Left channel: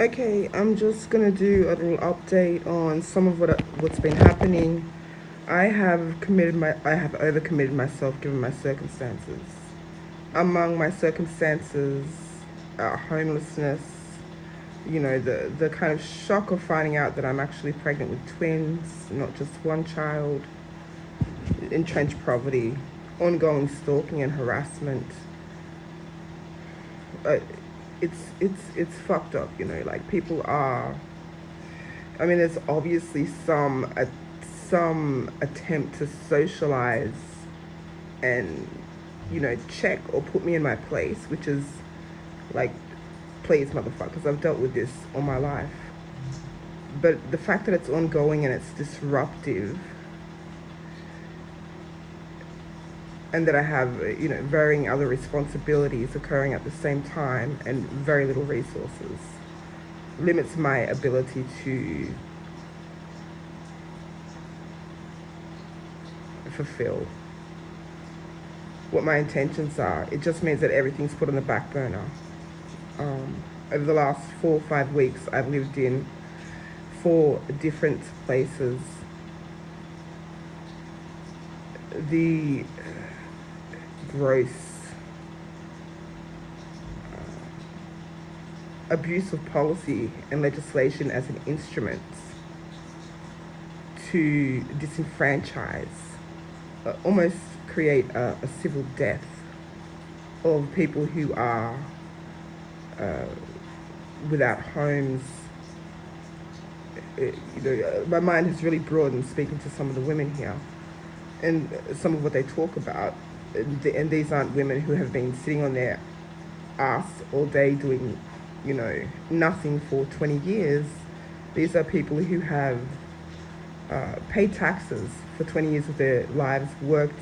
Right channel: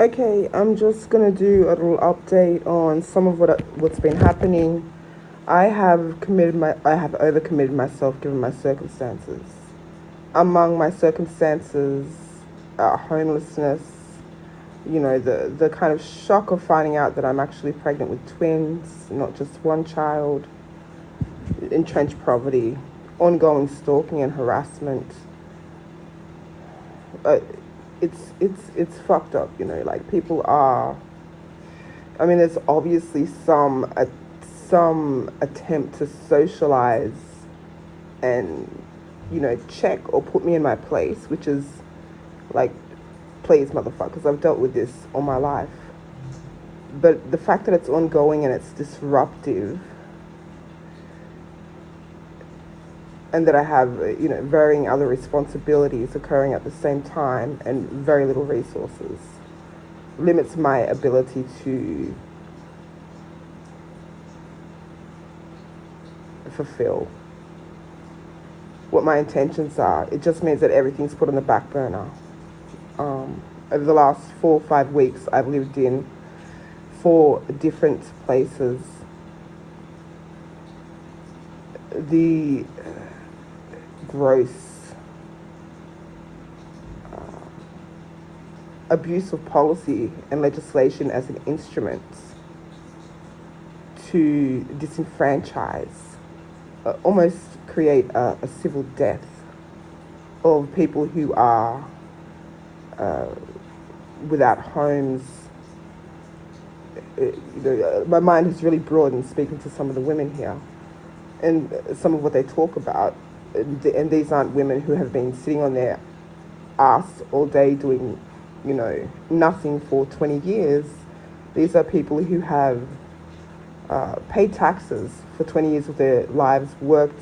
Okay, I'm just gonna do a little update on some of what's been happening. I have overcommitted myself given my circumstances. Among my circumstances, homelessness. The kind of shock of finding out that I'm actually pregnant with twins, not just one child. Entrenched poverty, ongoing stalking and harassment. Uh, it's fucked up. Like people are. I mean, there's obviously some attempt to socialize and check or put me in my place, which is like, please, motherfuckers, I've dealt with this all my life. But the fact that it's ongoing and it's disruptive, and that I have varying other responsibilities occurring at the same time and very little resources, limits my ability to fulfill what my intentions are. It just means that everything's put on the back burner. Over the last 4 or 5 weeks, I've lived in 4 different places. The gross abuse of policy and legislation as an instrument to disenfranchise, almost create a civil death of people who are without homes. My mind has really broadened speaking to some of the women here and some of what they talk about. And these aren't women who have been sitting on their ass all day doing, nothing for 20 years. These are people who have paid taxes for 20 years of their lives, worked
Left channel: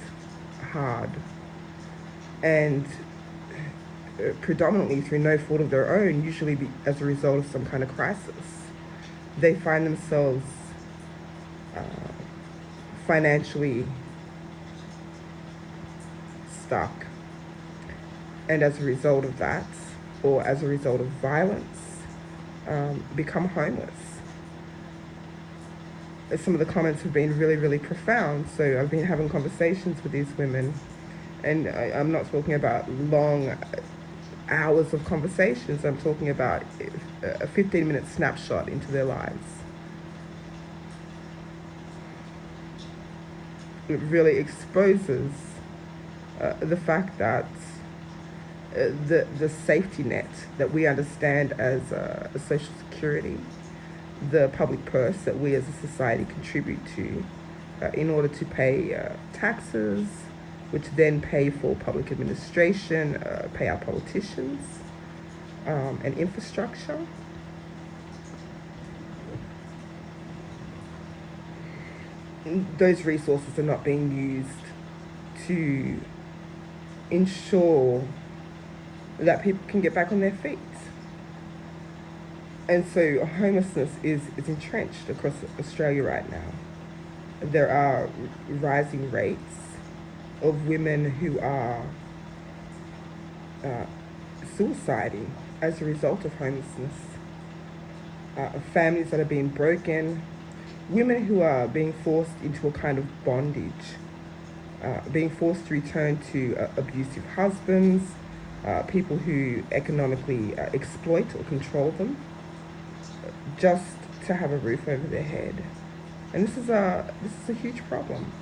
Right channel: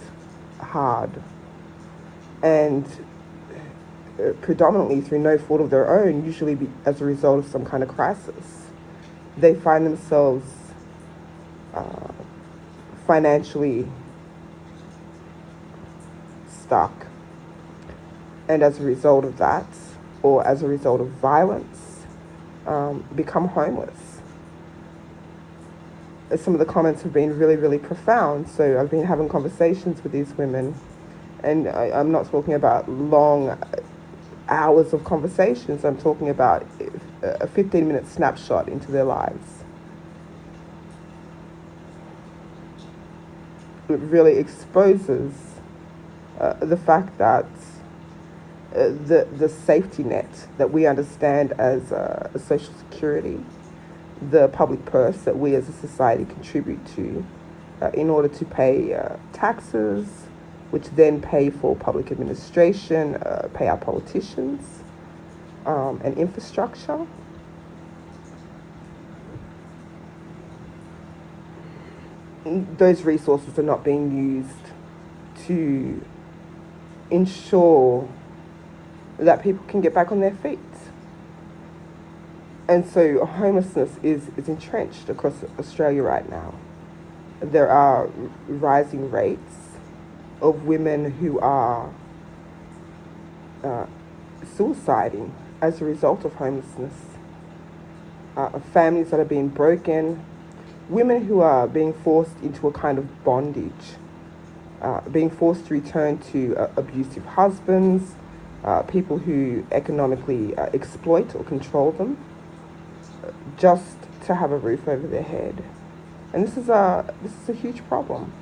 hard, and predominantly through no fault of their own, usually as a result of some kind of crisis, they find themselves uh, financially stuck. And as a result of that, or as a result of violence, become homeless. Some of the comments have been really, really profound. So I've been having conversations with these women, and I'm not talking about long hours of conversations. I'm talking about a 15-minute snapshot into their lives. It really exposes the fact that the safety net that we understand as a social security, the public purse that we as a society contribute to in order to pay taxes, which then pay for public administration, pay our politicians, and infrastructure. Those resources are not being used to ensure that people can get back on their feet. And so homelessness is entrenched across Australia right now. There are rising rates of women who are suiciding as a result of homelessness, families that are being broken, women who are being forced into a kind of bondage, being forced to return to abusive husbands, people who economically exploit or control them, just to have a roof over their head. And this is a huge problem.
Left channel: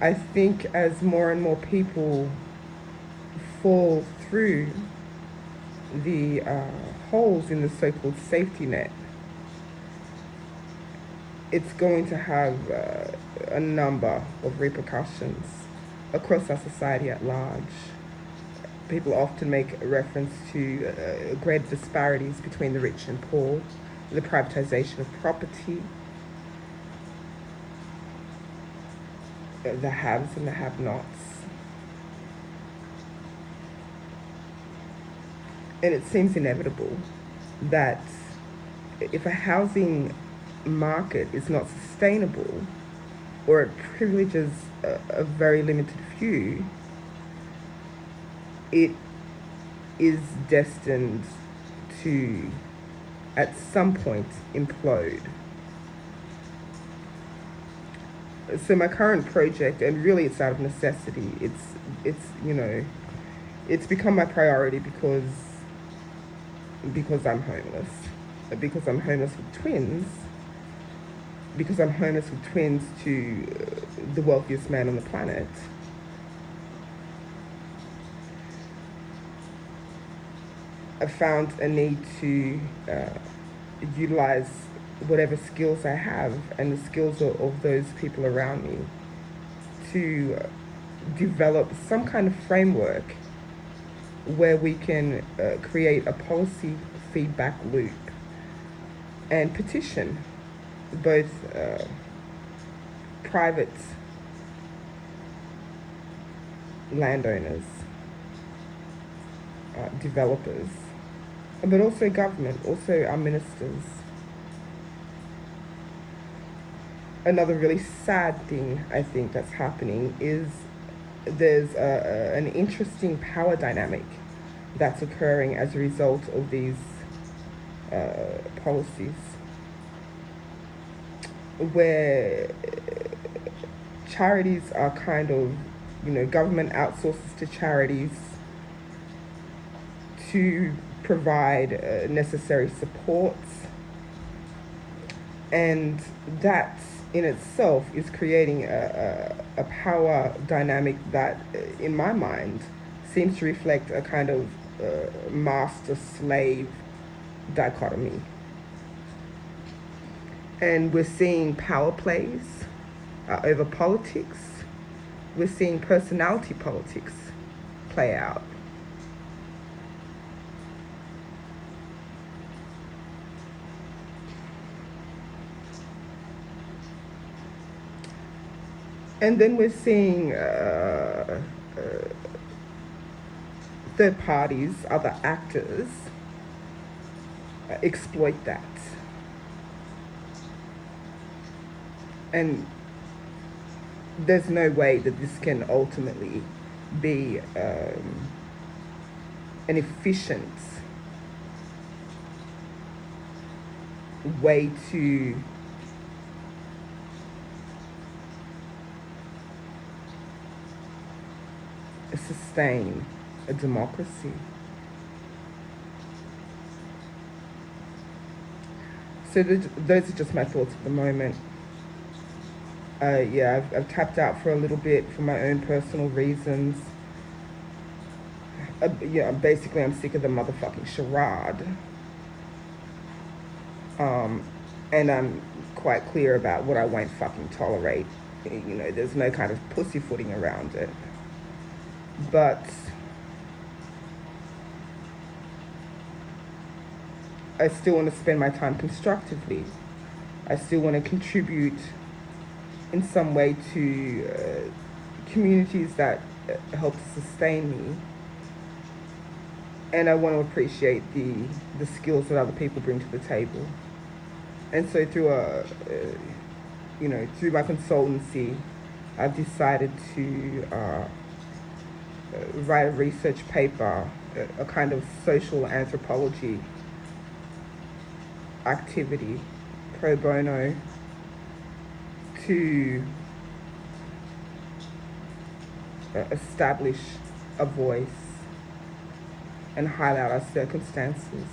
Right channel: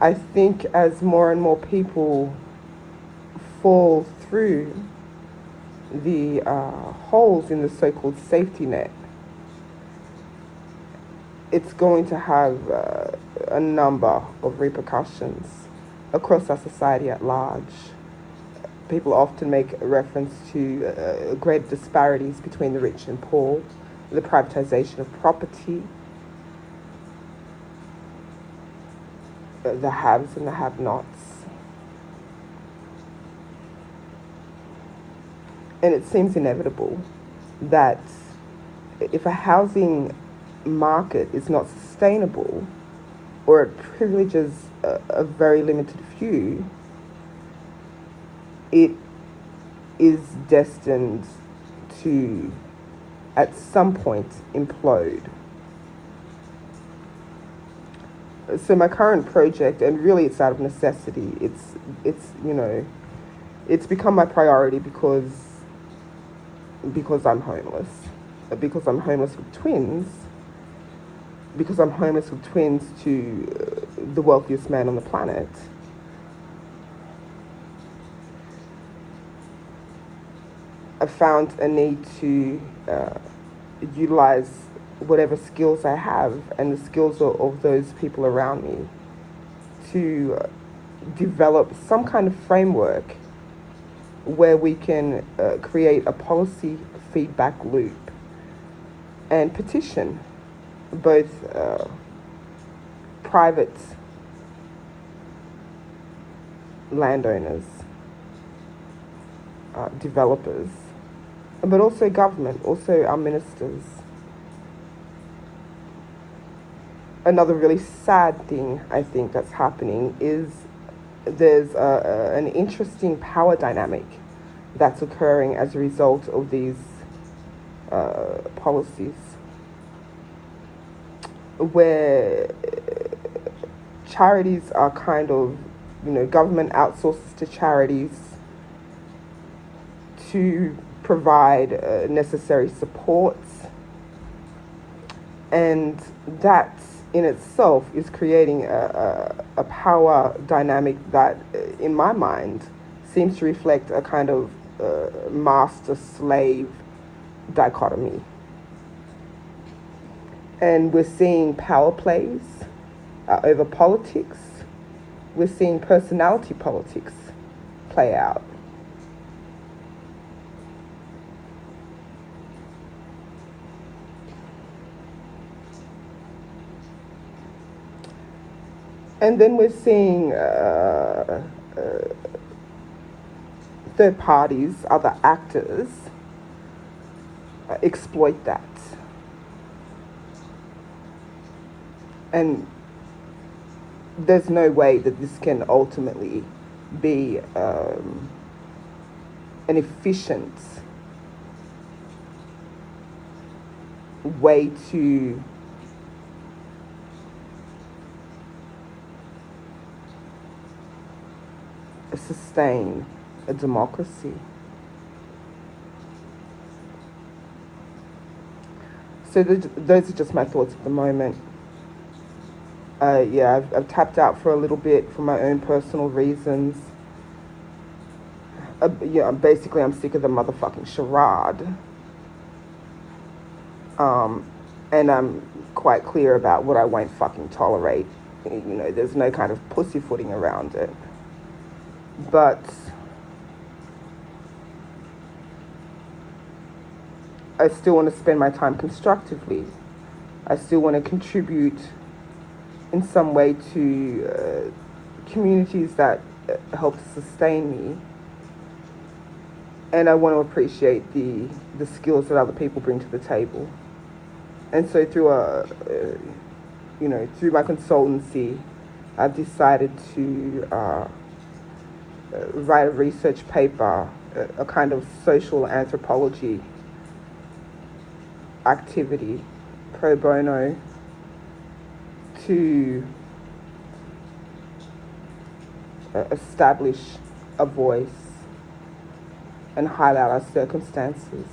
I think as more and more people fall through the holes in the so-called safety net, it's going to have a number of repercussions across our society at large. People often make reference to great disparities between the rich and poor, the privatization of property, the haves and the have-nots. And it seems inevitable that if a housing market is not sustainable, or it privileges a very limited few, it is destined to, at some point, implode. So my current project, and really it's out of necessity, it's become my priority because I'm homeless. Because I'm homeless with twins. Because I'm homeless with twins to the wealthiest man on the planet. I found a need to utilize whatever skills I have and the skills of those people around me to develop some kind of framework where we can create a policy feedback loop and petition both private landowners, developers, but also government, also our ministers. Another really sad thing I think that's happening is there's an interesting power dynamic that's occurring as a result of these policies, where charities are kind of, government outsources to charities to provide necessary supports, and that in itself is creating a power dynamic that, in my mind, seems to reflect a kind of master-slave dichotomy. And we're seeing power plays over politics. We're seeing personality politics play out. And then we're seeing third parties, other actors, exploit that. And there's no way that this can ultimately be an efficient way to sustain a democracy. So those are just my thoughts at the moment. I've tapped out for a little bit for my own personal reasons. Basically, I'm sick of the motherfucking charade. And I'm quite clear about what I won't fucking tolerate. There's no kind of pussyfooting around it. But I still want to spend my time constructively. I still want to contribute in some way to communities that help to sustain me. And I want to appreciate the skills that other people bring to the table. And so through through my consultancy, I've decided to write a research paper, a kind of social anthropology activity, pro bono, to establish a voice and highlight our circumstances.